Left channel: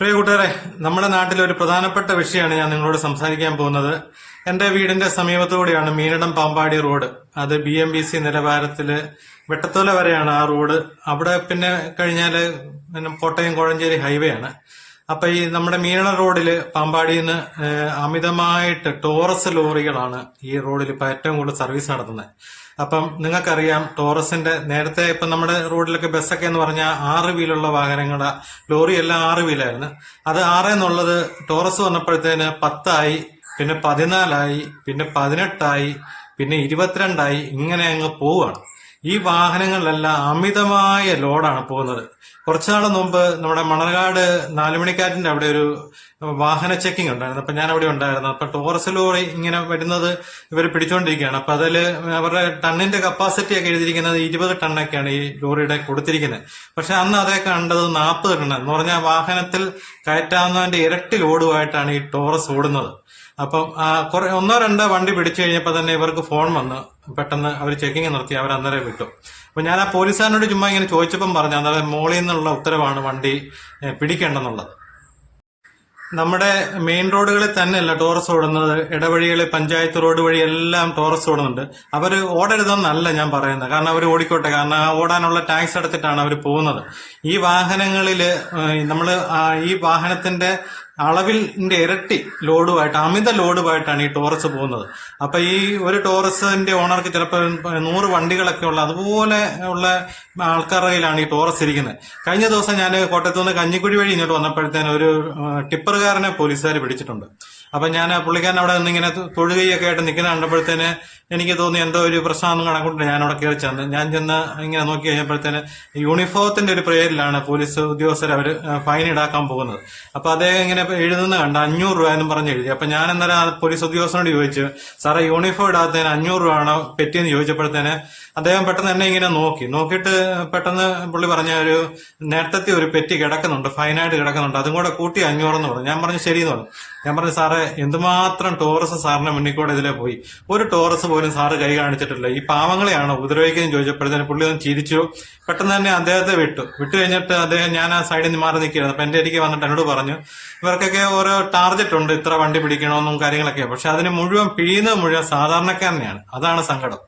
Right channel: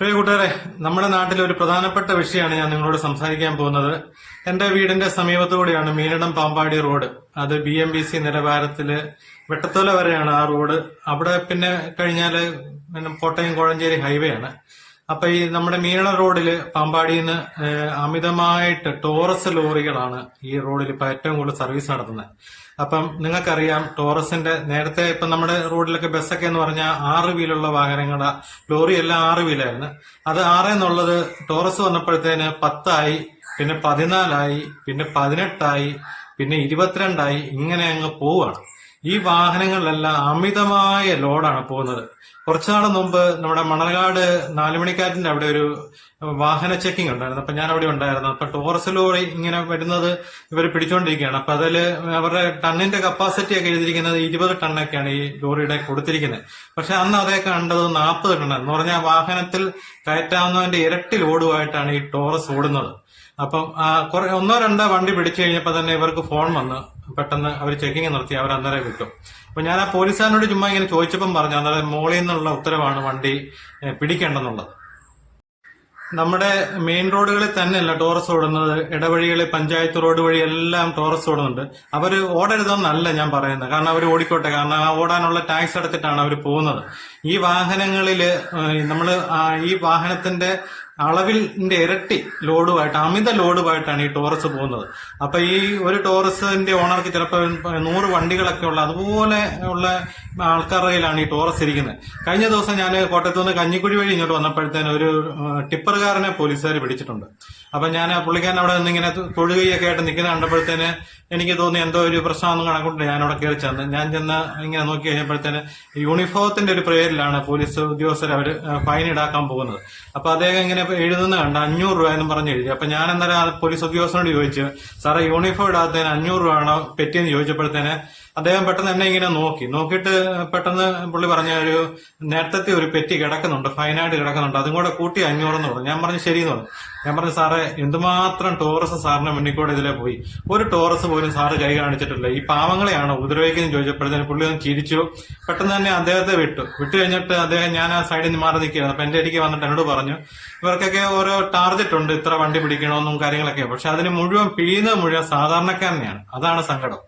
പ്രിയ കൂട്ടുകാരെ, നമ്മുടെ നാട്ടിലെ ഒരു പ്രധാനപ്പെട്ട വിഷയമാണ് ഞാൻ നിങ്ങളോട് സംസാരിക്കാൻ പോകുന്നത്. എന്റെ വീടിന്റെ സമീപത്തുകൂടിയാണ് മീനടം പാമ്പാടി റോഡ്. അത് BMBC നിലവാരത്തില് വെട്ടത്തോല വരെയാണ് ആ റോഡ്. അവിടെ പിന്നെ കഴിഞ്ഞാല് കോട്ടയം കോഴഞ്ചേരി ഹൈവേ ആണ്. അപ്പൊ ഈ നമ്മുടെ മീനടം റോഡില് പാമ്പാടിയിൽ നിന്ന് അമിതമായിട്ട് ടോറസ് ലോറികളാണ് ഈ റോഡിൽ ഇപ്പൊ ഏറ്റവും കൂടുതൽ സർവീസ് നടത്തുന്നത്. അപ്പം നിങ്ങൾക്കറിയാം, ടോറസിന്റെ നേരത്തെ ഇപ്പൊ നമ്മുടെ റോഡിലൊക്കെ ബസ്സൊക്കെ എന്ന് പറഞ്ഞാൽ 6 വീലുള്ള വാഹനങ്ങളാ, ലോറി എല്ലാം 6 വീലായിരുന്നു. അത് 6 എന്നുള്ളത് ടോറസ് വന്നപ്പോഴത്തേന് 10 ആയി, പിന്നെ 14 ആയി, പിന്നെ 18 ആയി, പിന്നെ 22 ആയി, ഇങ്ങനെ അങ്ങ് പോവുകയാണ്. ഈ വാഹനങ്ങളിലെല്ലാം അമിതമായ ലോഡാണ് പോകുന്നത്. കുറച്ചുനാൾ മുമ്പ് നമ്മുടെ മണർകാട് 4 മണിക്കാറ്റിന്റെ അവിടെ ഒരു വാഹന ചെക്കിംഗ് ഉണ്ടായിരുന്നു. അപ്പൊ ഞാൻ അവിടെ ഉണ്ടായിരുന്നു. അപ്പൊ ടോറസ് ലോറി ഇങ്ങനെ വരുന്നത് ഇവർ പിടിച്ചോണ്ടിരിക്കുകയാണ്. അപ്പൊ അതില് അവരുടെ ടണ്ണിന്റെ കപ്പാസിറ്റി ഒക്കെ എഴുതിയിരിക്കുന്നത് 20 ടണ്ണൊക്കെയാണ് ഈ ലോറിയുടെ കൊടുത്തിരിക്കുന്നത്. പക്ഷെ അന്ന് അതേ കണ്ടത് 40 ടണ്ണ് എന്ന് പറഞ്ഞാൽ വാഹനത്തിൽ കയറ്റാവുന്നതിന്റെ ഇരട്ടി ലോഡുമായിട്ടാണ് ഈ ടോറസ് ഓടുന്നത്. അപ്പം ഒന്നോ രണ്ടോ വണ്ടി പിടിച്ചു കഴിഞ്ഞപ്പോൾ തന്നെ ഇവർക്ക് ഫോൺ വന്ന് പെട്ടെന്ന് അവർ ചെക്കിങ് നിർത്തി, അവർ അന്നേരം വിട്ടു. അപ്പൊ ഞാൻ ആ പോലീസുകാരനോട് ചുമ്മാ ഇങ്ങനെ ചോദിച്ചപ്പം പറഞ്ഞു, അന്നേരം മോളിൽ നിന്നുള്ള ഉത്തരവാണ് വണ്ടി പിടിക്കേണ്ടെന്നുള്ളത്. നമ്മുടെ മെയിൻ റോഡുകളിൽ തന്നെയല്ല ടോറസ് ഓടുന്നത്, ഇടവഴികളിൽ പഞ്ചായത്ത് റോഡ് വഴി എല്ലാം ടോറസ് ഓടുന്നുണ്ട്. അവർ ഓടരുതെന്നല്ല ഞാൻ പറയുന്നത്, കാരണം അവർ ഓടിക്കോട്ടെ, കാരണം ആ ഓടാനുള്ള ടാക്സ് അടച്ചിട്ടാണ് അവർ പോകുന്നത്. ഈ വാഹനങ്ങളില് നമ്മൾ ഈ വാഹനത്തിന്റെ അളവിന്റെ ഇരട്ടി ലോഡുമായിട്ട്, അമിത ലോഡുമായിട്ടാണ് ഈ ടോറസ് പോകുന്നത്. അപ്പൊ ഈ ഒരു ടോറസിന്റെ ഓണർക്ക് ചിലപ്പോൾ 100 വണ്ടികളൊക്കെ ഉള്ള അതുപോലെ ഉള്ള ആൾക്കാരുടെ കയ്യിലാണ് ഈ ടോറസ് ഇരിക്കുന്നത്. കഴിഞ്ഞ ദിവസം ഞാൻ കോട്ടയത്ത് നിന്ന് കഞ്ഞിക്കുഴി വഴി ഇങ്ങോട്ട് വന്നപ്പോഴത്തേന് ഒരു ടിപ്പറുകാരനെ പോലീസുകാർ പിടിച്ചിട്ടുണ്ട്. അപ്പൊ ഞാൻ പുള്ളിക്കാരൻ അവിടെ നിന്ന് ഇങ്ങനെ തൊഴുകയൊക്കെ ആയിട്ട് നിൽക്കുന്ന കണ്ടപ്പോഴത്തേന് എനിക്ക് തോന്നി എന്തോ ഒരു പ്രശ്നം കണക്കൊണ്ട് ഞാൻ അവിടെ കയറി ചെന്ന് ഇങ്ങനെ നോക്കി കഴിഞ്ഞപ്പോഴത്തേന് യൂണിഫോമത്തിന്റെ ഒരു പേരിലാണ് പോലീസ് ഉദ്യോഗസ്ഥർ അവർ ഫൈൻ ഈടാക്കാൻ പോകുന്നത്. അപ്പൊ അദ്ദേഹം ഇങ്ങനെ എഴുതുന്ന കണ്ട 500 രൂപ എന്നും പറഞ്ഞ് എഴുതി. അപ്പൊ ഞാൻ അന്നേരം പോലീസ് ഉദ്യോഗസ്ഥനോട് ചോദിച്ചു, സാറേ യൂണിഫോം ഇടാത്തതിന് 500 രൂപ ആണോ പെറ്റിയെന്ന് ചോദിച്ചപ്പോഴത്തേന് അദ്ദേഹം പെട്ടെന്ന് എന്നെ ഇങ്ങനെ നോക്കിയിട്ട് പെട്ടെന്ന് പുള്ളി പറഞ്ഞ നേരത്തെ ഒരു പെറ്റി കിടക്കുന്നുണ്ട്, ഫൈനായിട്ട് കിടക്കുന്നുണ്ട്, അതും കൂടെ കൂട്ടി 500 എന്ന് പറഞ്ഞു. ഞാൻ പറഞ്ഞു ശരിയെന്ന് പറഞ്ഞു. ഞാൻ പറഞ്ഞു, സാറേ എന്തുമാത്രം ടോറസ് സാറിന്റെ മുന്നിൽ കൂടെ ഇതിലെ പോയി, ഒരു ടോറസ് പോലും സാറ് കൈ കാണിച്ചിട്ടില്ല, ഈ പാവങ്ങളെയാണോ ഉപദ്രവിക്കുന്നത് ചോദിച്ചപ്പോഴത്തേന് പുള്ളി ഒന്ന് ചിരിച്ചു. പെട്ടെന്ന് തന്നെ അദ്ദേഹത്തെ വിട്ടു കഴിഞ്ഞിട്ട് അദ്ദേഹം, ഞാൻ ആ സൈഡിൽ നിന്ന് മാറി നിൽക്കുകയായിരുന്നു. അപ്പൊ എന്റെ അരികെ വന്നിട്ട് എന്നോട് പറഞ്ഞു, ഇവർക്കൊക്കെ ഓരോ ടാർഗറ്റ് ഉണ്ട്, ഇത്ര വണ്ടി പിടിക്കണമെന്നും കാര്യങ്ങളൊക്കെ. പക്ഷെ അതിന് പിഴിയുന്നത് മുഴുവൻ സാധാരണക്കാരനെയാണ്. അതാണ് സങ്കടം.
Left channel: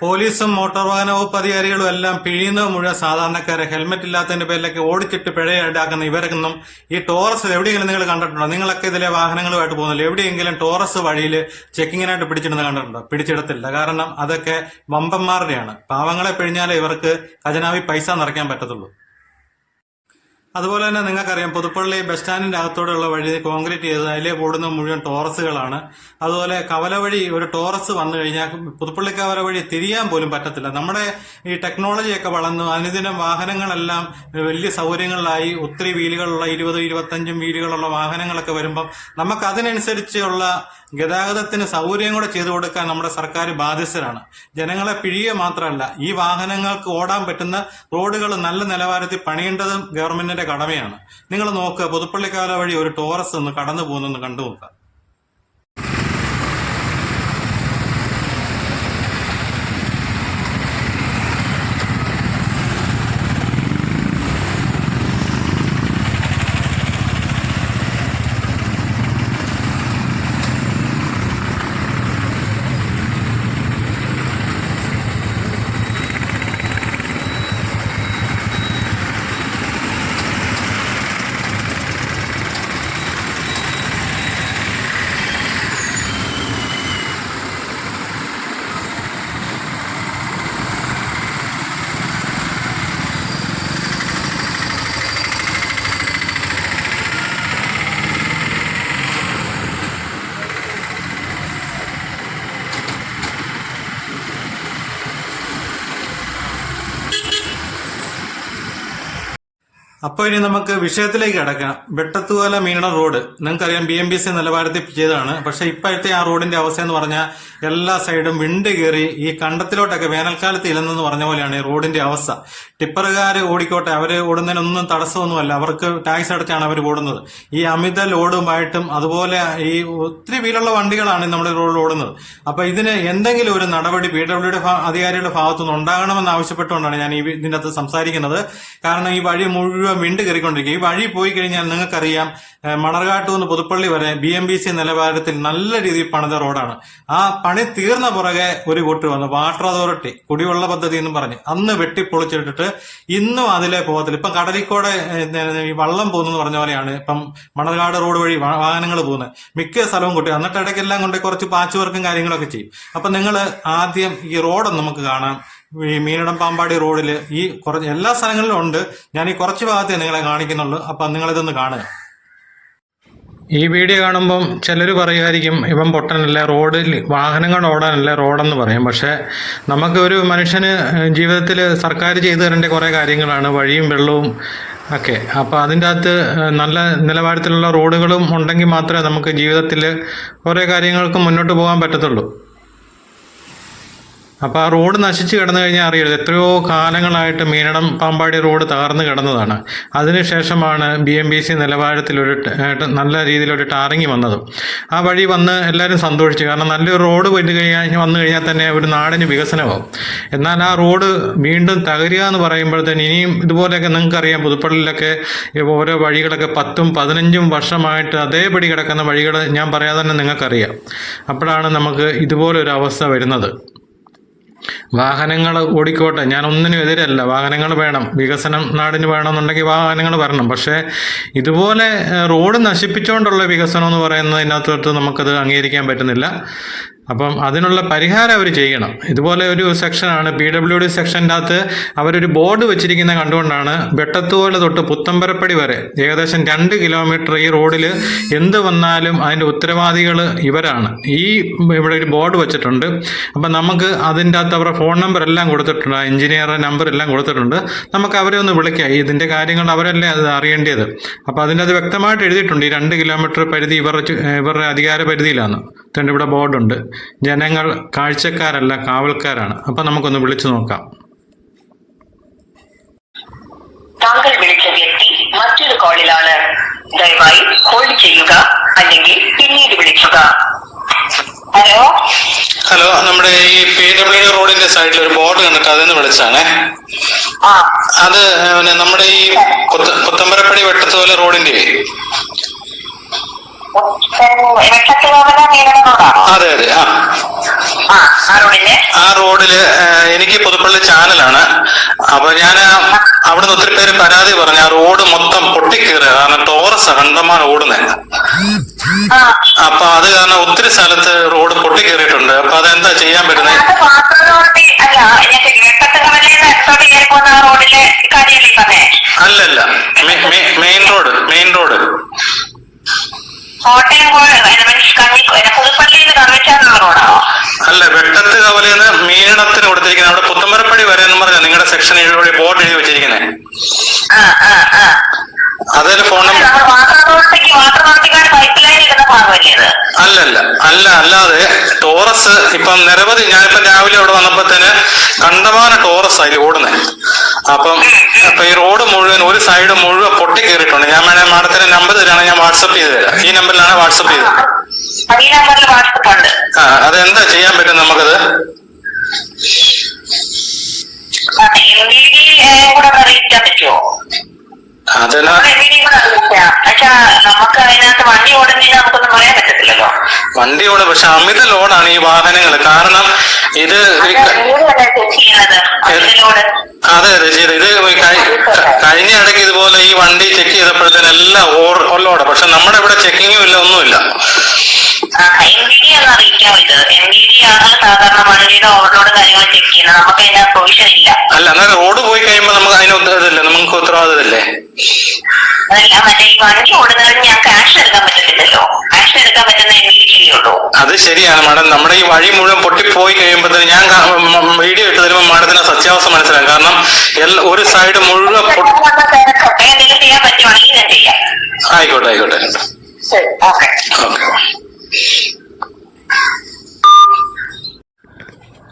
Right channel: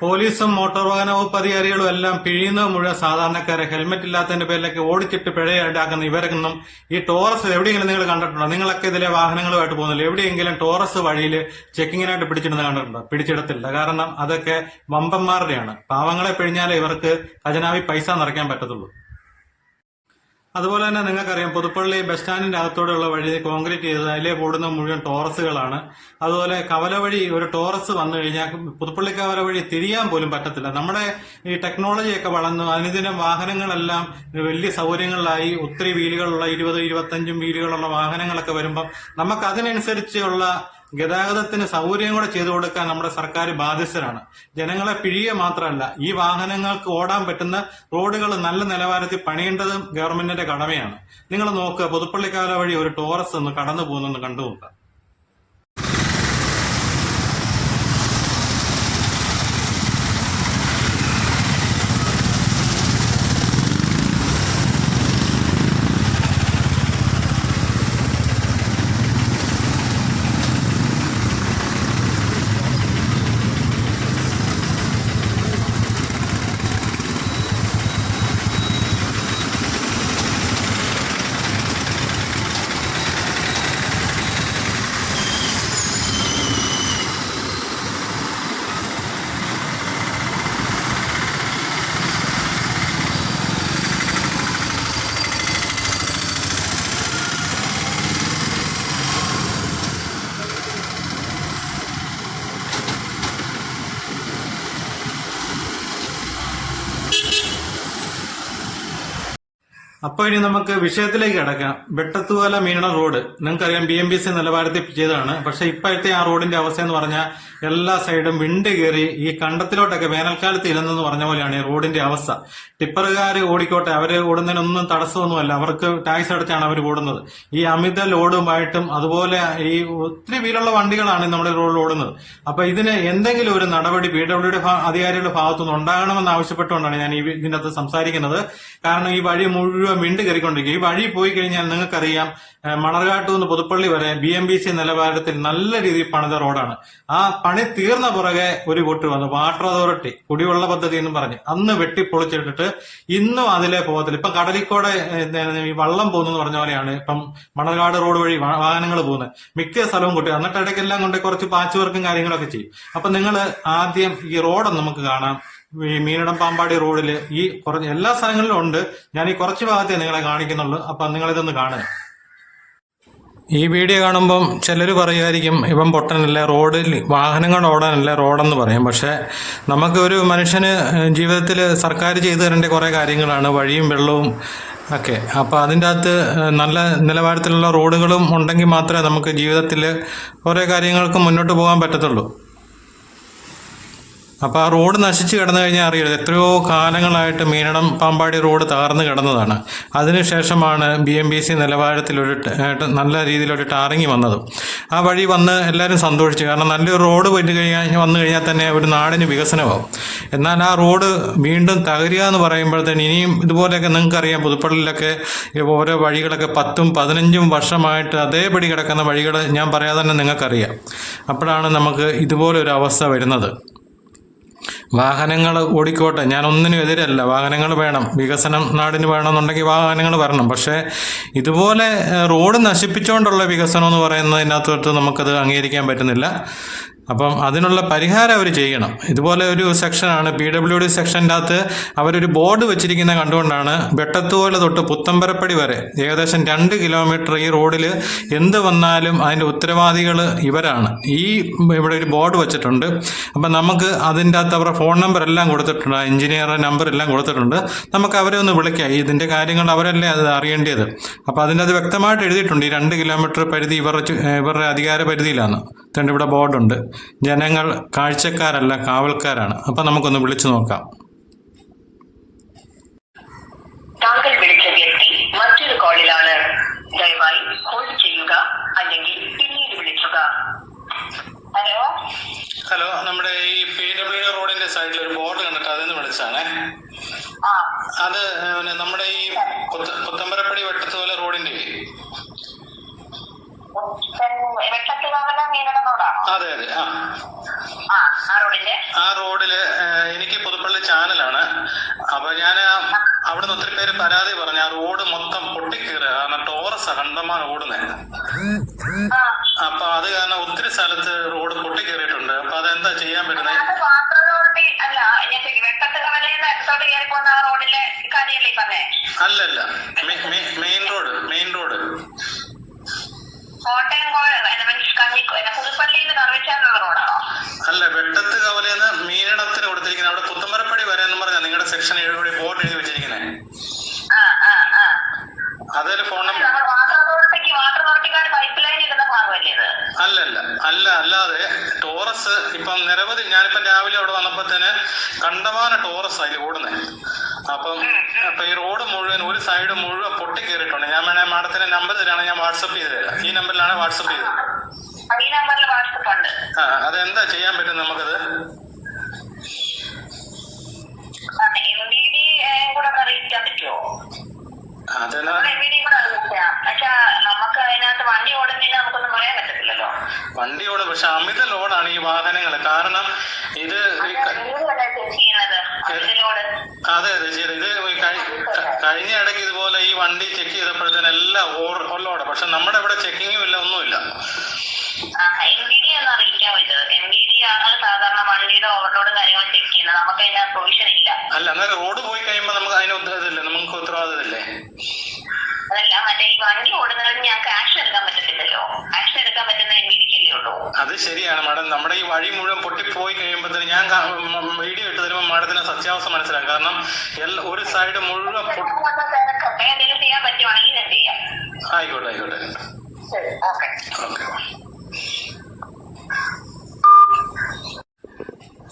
പോലീസും മോട്ടോർ വാഹന വകുപ്പ് അധികാരികളും എല്ലാം പിഴിയുന്നത് മുഴുവൻ സാധാരണക്കാരെ. ഹെൽമെറ്റ് ഇല്ലാത്തതിന്റെ പേരിലൊക്കെ ഓടിച്ചിട്ട് പിഴ ഈടാക്കുന്ന ഇവരൊന്നും ഈ ടോറസ് എവിടെയെങ്കിലും നിങ്ങൾ കണ്ടിട്ടുണ്ടോ? നിങ്ങളൊക്കെ ഇതിലെ വാഹനങ്ങളുമായിട്ട് പോകുന്നില്ല, എവിടെയെങ്കിലും ടോറസ് വഴിയിൽ ചെക്കിങ്ങിനായിട്ട് പിടിച്ചിടുന്നത് കണ്ടിട്ടുണ്ടോ? പിടിച്ചെടുത്തില്ല. കാരണം അതൊക്കെ വമ്പന്മാരുടെയാണ്. പാവങ്ങളെ പിഴിഞ്ഞാലേ ഇവർക്ക് ഖജനാവിൽ പൈസ നിറയ്ക്കാൻ പറ്റത്തുള്ളൂ. അതുപോലെ തന്നെ നിങ്ങൾക്കറിയാം, പുതുപ്പള്ളി ബസ് സ്റ്റാൻഡിന്റെ അകത്തോടെയുള്ള വഴി കോൺക്രീറ്റ് ചെയ്ത് അതിലെ ഓടുന്ന മുഴുവൻ ടോറസുകളാണ്. അതുപോലെ കവല വഴി ഒരു ടോറസ് വന്നു കഴിഞ്ഞാൽ പുതുപ്പള്ളി കവല വഴി തിരിയാൻ പോലും പറ്റത്തില്ല. നമ്മുടെ ഈ ടെക്നോളജിയൊക്കെ വളർന്നു, അനുദിനം വാഹനങ്ങളെല്ലാം വലിയ സൗകര്യങ്ങളിലായി. ഒത്തിരി വീലുകളുള്ള 20-25 വീലുകളുള്ള വാഹനങ്ങളൊക്കെ വരുമ്പം നമുക്ക് അതിനനുസരിച്ചുള്ള ഗതാഗതത്തിന് സൗകര്യം കൂടെ ചെയ്തു കൊടുക്കാൻ നമ്മുടെ സർക്കാർ ബാധ്യസ്ഥരാണ്. ജനങ്ങളെ പിഴിയുക മാത്രമല്ല, ഈ വാഹനങ്ങൾക്ക് ഓടാൻ പറ്റുന്ന റോഡുകൾ നല്ല നിലവാരത്തിൽ പണിയേണ്ടതും ഗവൺമെന്റിന്റെ കടമയാണ്. നിങ്ങൾ നോക്കുക, പുതുപ്പള്ളിക്കാര വഴി ഒരു ടോറസ് ഒന്ന് കടന്നു പോകുന്നെന്ന് കണ്ടു നോക്കുക. അപ്പൊ ഇനി നമുക്ക് വിഷയത്തിലേക്ക് കിടക്കാം. വെട്ടത്തുകാല മീനടം റോഡ് നിങ്ങൾക്കറിയാം, BMBC നിലവാരത്തിൽ ചെയ്തതാണ്. പക്ഷെ ഇപ്പോഴത്തെ ആ റോഡിന്റെ അവസ്ഥ എന്ന് പറഞ്ഞാൽ എല്ലാ സൈഡും വിണ്ട് കയറി ഈ കണ്ടത്തിലോട്ടൊക്കെ വേനൽക്കാലത്ത് ഇല്ലെന്ന് പറഞ്ഞ പോലെയാണ് ഈ റോഡിന്റെ അവസ്ഥ. ടിപ്പറുകാർ ഓടിക്കോട്ടെ, അവര് ഓടുന്നതിനൊന്നും തടസ്സമൊന്നുമല്ല, അവർക്ക് ടാക്സ് അടച്ചാണ് അവർ ഓടുന്നത്. ഈ അമിത ലോഡുമായിട്ടും അതുപോലെ ഈ ഒത്തിരി വീലുള്ള വണ്ടികളാണ് നമ്മുടെ റോഡിൽ ഓടുന്നത്. അപ്പൊ ഇതിന് എന്തെങ്കിലും ഒരു നടപടി PWD അധികാരികളുടെ ഭാഗത്തുനിന്ന് ഉണ്ടാകണമെന്ന് ആവശ്യപ്പെട്ടുകൊണ്ടാണ് ഞാൻ ഇതിന്റെ അകത്ത് സംസാരിക്കുന്നത്. കാരണം ഈ വഴി മുഴുവൻ വിണ്ട് കയറിക്കൊണ്ടിരിക്കും. ഈ വഴി പോയി കഴിഞ്ഞാൽ നിങ്ങൾക്കറിയാം, മണർകാട്ടു നിന്ന് പുതുപ്പള്ളി വരെ BMBC നിലവാരത്തിൽ നല്ല രീതിയിൽ പണിത റോഡാണ്. ആ പണി തീർന്ന പുറകെ ഒരു കൂട്ട് വന്നു വാട്ടർ അതോറിറ്റി കുടിവെള്ള പദ്ധതി എന്ന് പറഞ്ഞ് അന്ന് വെട്ടിപ്പൊളിച്ചിട്ടിട്ട് ഇന്നും അതിലെ പോകത്തില്ല. ഇപ്പം കടലിക്കോടെ ഈ വള്ളം പോകുന്നു പറഞ്ഞ പോലെയാണ് ഇപ്പം മണർകാട് റോഡ് വഴി വാഹനങ്ങൾ പോകുന്നത്. മിക്ക സ്ഥലവും കൂട്ടി എന്നിട്ട് ഇടയ്ക്കെല്ലാം കൊണ്ട് കുറച്ച് പാച്ച് വർക്കും കാര്യങ്ങളൊക്കെ ചെയ്യും. അപ്പൊ നിങ്ങൾ ആദ്യം ഈ റോഡ് നമുക്ക് കാണാം. ഈ മീനടം പാമ്പാടി റോഡിൽ ഈ കുറച്ച് എല്ലാ സ്ഥലങ്ങളിലും ഉണ്ട്. ഞാൻ ഈ കുറച്ച് ഭാഗത്തേ നിങ്ങളെ കാണിക്കുന്നുള്ളൂ. അപ്പൊ നിങ്ങളിതൊന്ന് കാണുക. ഈ വീഡിയോ കാണുമ്പം ചിലർ പറയുമായിരിക്കും ഇവൻ പൊട്ടനല്ല, റോഡിൽ വാഹനങ്ങൾ ഓടാനല്ല റോഡെന്ന് പറയും. പക്ഷേ നമുക്ക് ഒരു മനുഷ്യന് ജീവിതത്തിൽ സർക്കാർ ചെയ്തു തരേണ്ട കുറേ കാര്യങ്ങളാണ് വഴിയും വെള്ളവും ഒക്കെ. അപ്പോൾ അതിൻ്റെ അകത്ത് നല്ല നിലവാരത്തിലുള്ള റോഡുകളും ഉണ്ടെങ്കിൽ മാത്രമേ നമുക്ക് ജീവിതത്തിൽ ഓരോ കാര്യങ്ങൾക്ക് മുന്നോട്ട് പോകാൻ പറ്റത്തുള്ളൂ. അപ്പോൾ ആ റോഡ് നശിച്ച് കിടന്നു കഴിഞ്ഞാൽ അറിയരുത്, എത്രയോ കാലങ്ങളായിട്ട് മീനടം പാമ്പാടി റോഡ് തകർന്നു കിടന്നതാണ്. അതിനുശേഷമാണ് BMBC നിലവാരത്തിലൊരു നല്ല രീതിയിലൊരു ടാറിങ് വന്നത്. ആ വഴി വന്ന് എല്ലാവരും സന്തോഷിച്ചു. കാരണം നല്ലൊരു റോഡ് വന്നു കഴിഞ്ഞാൽ തന്നെ ഒരു നാടിന് വികസനമാവും. എന്നാൽ ആ റോഡ് വീണ്ടും തകരുക എന്ന് പറയുമ്പോഴത്തേന് ഇനിയും ഇതുപോലെയൊക്കെ നിങ്ങൾക്കറിയാം, പുതുപ്പള്ളിയിലൊക്കെ ഓരോ വഴികളൊക്കെ 10ഉം 15ഉം വർഷമായിട്ട് അതേപടി കിടക്കുന്ന വഴികൾ ഞാൻ പറയാതെ തന്നെ നിങ്ങൾക്കറിയാം. അപ്പോഴാണ് നമുക്ക് ഇതുപോലൊരു അവസ്ഥ വരുന്നത്. വാഹനങ്ങൾ ഓടിക്കോട്ടെ, ഞാൻ ഒന്നിനും എതിരല്ല, വാഹനങ്ങൾ വേണം, വികസനം നാടിന് വേണമെന്നുണ്ടെങ്കിൽ വാഹനങ്ങൾ വരണം. പക്ഷേ ഇതുപോലെ റോഡ് നശിപ്പിച്ചുകൊണ്ടുള്ള വികസനം എന്ന് പറയുന്നതിനകത്തോട്ട് നമുക്കത് അംഗീകരിക്കാൻ പറ്റുന്നില്ല. അപ്പം അതിനുള്ള പരിഹാരം അവർ ചെയ്യണം. ഇതുപോലെ ഒരു സെക്ഷനാണ് PWD സെക്ഷൻ്റെ അകത്ത് അവരൊരു ബോർഡ് വെച്ചിരിക്കുന്ന കണ്ടുകൊണ്ടാണ് വെട്ടത്തുപോലെ തൊട്ട് പുത്തമ്പരപ്പടി വരെ ഏകദേശം 2 കിലോമീറ്റർ ഈ റോഡിൽ എന്ത് വന്നാലും അതിൻ്റെ ഉത്തരവാദികൾ ഇവരാണ്. ഇവിടെ ഒരു ബോർഡ് വെച്ചിട്ടുണ്ട്. അപ്പം നമുക്ക് അതിൻ്റെ അകത്ത് അവരുടെ ഫോൺ നമ്പർ എല്ലാം കൊടുത്തിട്ടുണ്ട്, എഞ്ചിനീയറുടെ നമ്പർ എല്ലാം കൊടുത്തിട്ടുണ്ട്. നമുക്ക് അവരെ ഒന്ന് വിളിക്കാം. ഇതിൻ്റെ കാര്യങ്ങൾ അവരല്ലേ അത് അറിയേണ്ടത്. അപ്പോൾ അതിൻ്റെ അത് വ്യക്തമായിട്ട് എഴുതിയിട്ടുണ്ട്. ഈ 2 കിലോമീറ്റർ പരിധി ഇവരുടെ അധികാര പരിധിയിലാണ്. ഇവിടെ ബോർഡുണ്ട്. ജനങ്ങൾ കാഴ്ചക്കാരല്ല, കാവൽക്കാരാണ്. അപ്പൊ നമുക്കൊന്ന് വിളിച്ചു നോക്കാം. താങ്കൾ വിളിച്ച വ്യക്തി മറ്റൊരു കോളിലാണ്. ദയവായി ഹോൾഡ് ചെയ്യുക അല്ലെങ്കിൽ പിന്നീട് വിളിക്കുക. ഹലോ ഹലോ, നമ്മുടെ ഈ PWD റോഡിന്റെ സൈഡിൽ ഒരു ബോർഡ് കണ്ടിട്ട് അതെന്ന് വിളിച്ചാണേ. അത് നമ്മുടെ ഈ പുത്തമ്പരപ്പടി വെട്ടത്തോല റോഡിന്റെ അതെ അതെ ആ റോഡില് എനിക്ക് പുതുപ്പള്ളി ചാനലാണ്. അപ്പൊ ഞാൻ അവിടെ നിന്ന് ഒത്തിരി പേര് പരാതി പറഞ്ഞു, ആ റോഡ് മൊത്തം പൊട്ടിക്കീറുക. കാരണം ടോറസ് കണ്ടമാനം ഓടുന്നത്. അപ്പൊ അത് കാരണം ഒത്തിരി സ്ഥലത്ത് റോഡ് പൊട്ടിക്കേറിയിട്ടുണ്ട്. അപ്പൊ അതെന്താ ചെയ്യാൻ പറ്റുന്നത്? അല്ലല്ല, മെയിൻ റോഡ് അല്ല, വെട്ടത്ത് കവലന്ന് മീനടത്തിന് കൊടുത്തിരിക്കുന്നത്. അവിടെ പുത്തമ്പരപ്പടി വരെ എന്ന് പറഞ്ഞാൽ നിങ്ങളുടെ സെക്ഷൻ വഴി ബോർഡ് എഴുതി വെച്ചിരിക്കുന്നത്. അതൊരു ഫോൺ നമ്പർ അല്ലാതെ ടോറസ് ഇപ്പം നിരവധി, ഞാനിപ്പം രാവിലെ അവിടെ വന്നപ്പോഴത്തേന് കണ്ടമാന ടോറസ് അതിൽ ഓടുന്നത്. അപ്പം ഈ റോഡ് മുഴുവൻ ഒരു സൈഡ് മുഴുവൻ പൊട്ടിക്കേറിയിട്ടുണ്ട്. ഞാൻ വേണേൽ മാഡത്തിന്റെ നമ്പർ തരാണ്, ഞാൻ വാട്സപ്പ് ചെയ്ത് തരാം. ഈ നമ്പറിലാണ് വാട്സപ്പ് ചെയ്തത്. അതെന്താ ചെയ്യാൻ പറ്റും നമുക്കത്? വണ്ടി ഓടും, പക്ഷെ അമിത ലോഡാണ് ഈ വാഹനങ്ങൾ. കാരണം ഇത് അതെ ചെയ്ത് ഇത് കഴിഞ്ഞ ഇടയ്ക്ക് ഇതുപോലെ ഈ വണ്ടി ചെക്ക് ചെയ്തപ്പോഴത്തേന് എല്ലാം ഓലോടെ. പക്ഷെ നമ്മുടെ ഇവിടെ ചെക്കിങ്ങും ഇല്ല, ഒന്നുമില്ല. അല്ല, എന്നാൽ റോഡ് പോയി കഴിയുമ്പോ നമുക്ക് അതിന് ഉത്തരവാദിത്തമില്ല, നമുക്ക് ഉത്തരവാദിത്തമില്ലേ? അത് ശരിയാണ് മാഡം. നമ്മുടെ ഈ വഴി മുഴുവൻ പൊട്ടിപ്പോയി കഴിയുമ്പോഴത്തേന് ഞാൻ വീഡിയോ ഇട്ട് തരുമ്പോൾ മാഡത്തിന് സത്യാവസ്ഥ മനസ്സിലാകും. കാരണം ഒരു സൈഡ് മുഴുവൻ ആയിക്കോട്ടെ. ഓക്കെ.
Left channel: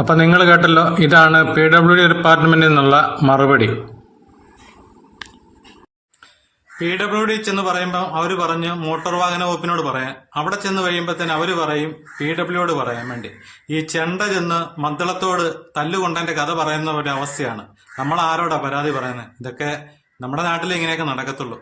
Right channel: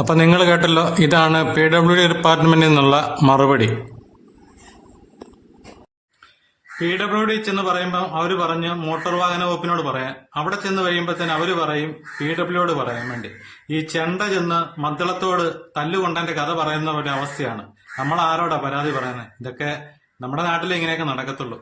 അപ്പൊ നിങ്ങൾ കേട്ടല്ലോ, ഇതാണ് PWD ഡിപ്പാർട്ട്മെന്റിൽ നിന്നുള്ള മറുപടി. PWD ചെന്ന് പറയുമ്പോൾ അവർ പറഞ്ഞു മോട്ടോർ വാഹന വകുപ്പിനോട് പറയാൻ. അവിടെ ചെന്ന് കഴിയുമ്പോഴത്തേന് അവർ പറയും PWD പറയാൻ വേണ്ടി. ഈ ചെണ്ട ചെന്ന് മദ്ദളത്തോട് തല്ലുകൊണ്ടതിന്റെ കഥ പറയുന്ന ഒരു അവസ്ഥയാണ്. നമ്മൾ ആരോടാ പരാതി പറയുന്നത്? ഇതൊക്കെ നമ്മുടെ നാട്ടിൽ ഇങ്ങനെയൊക്കെ നടക്കത്തുള്ളൂ.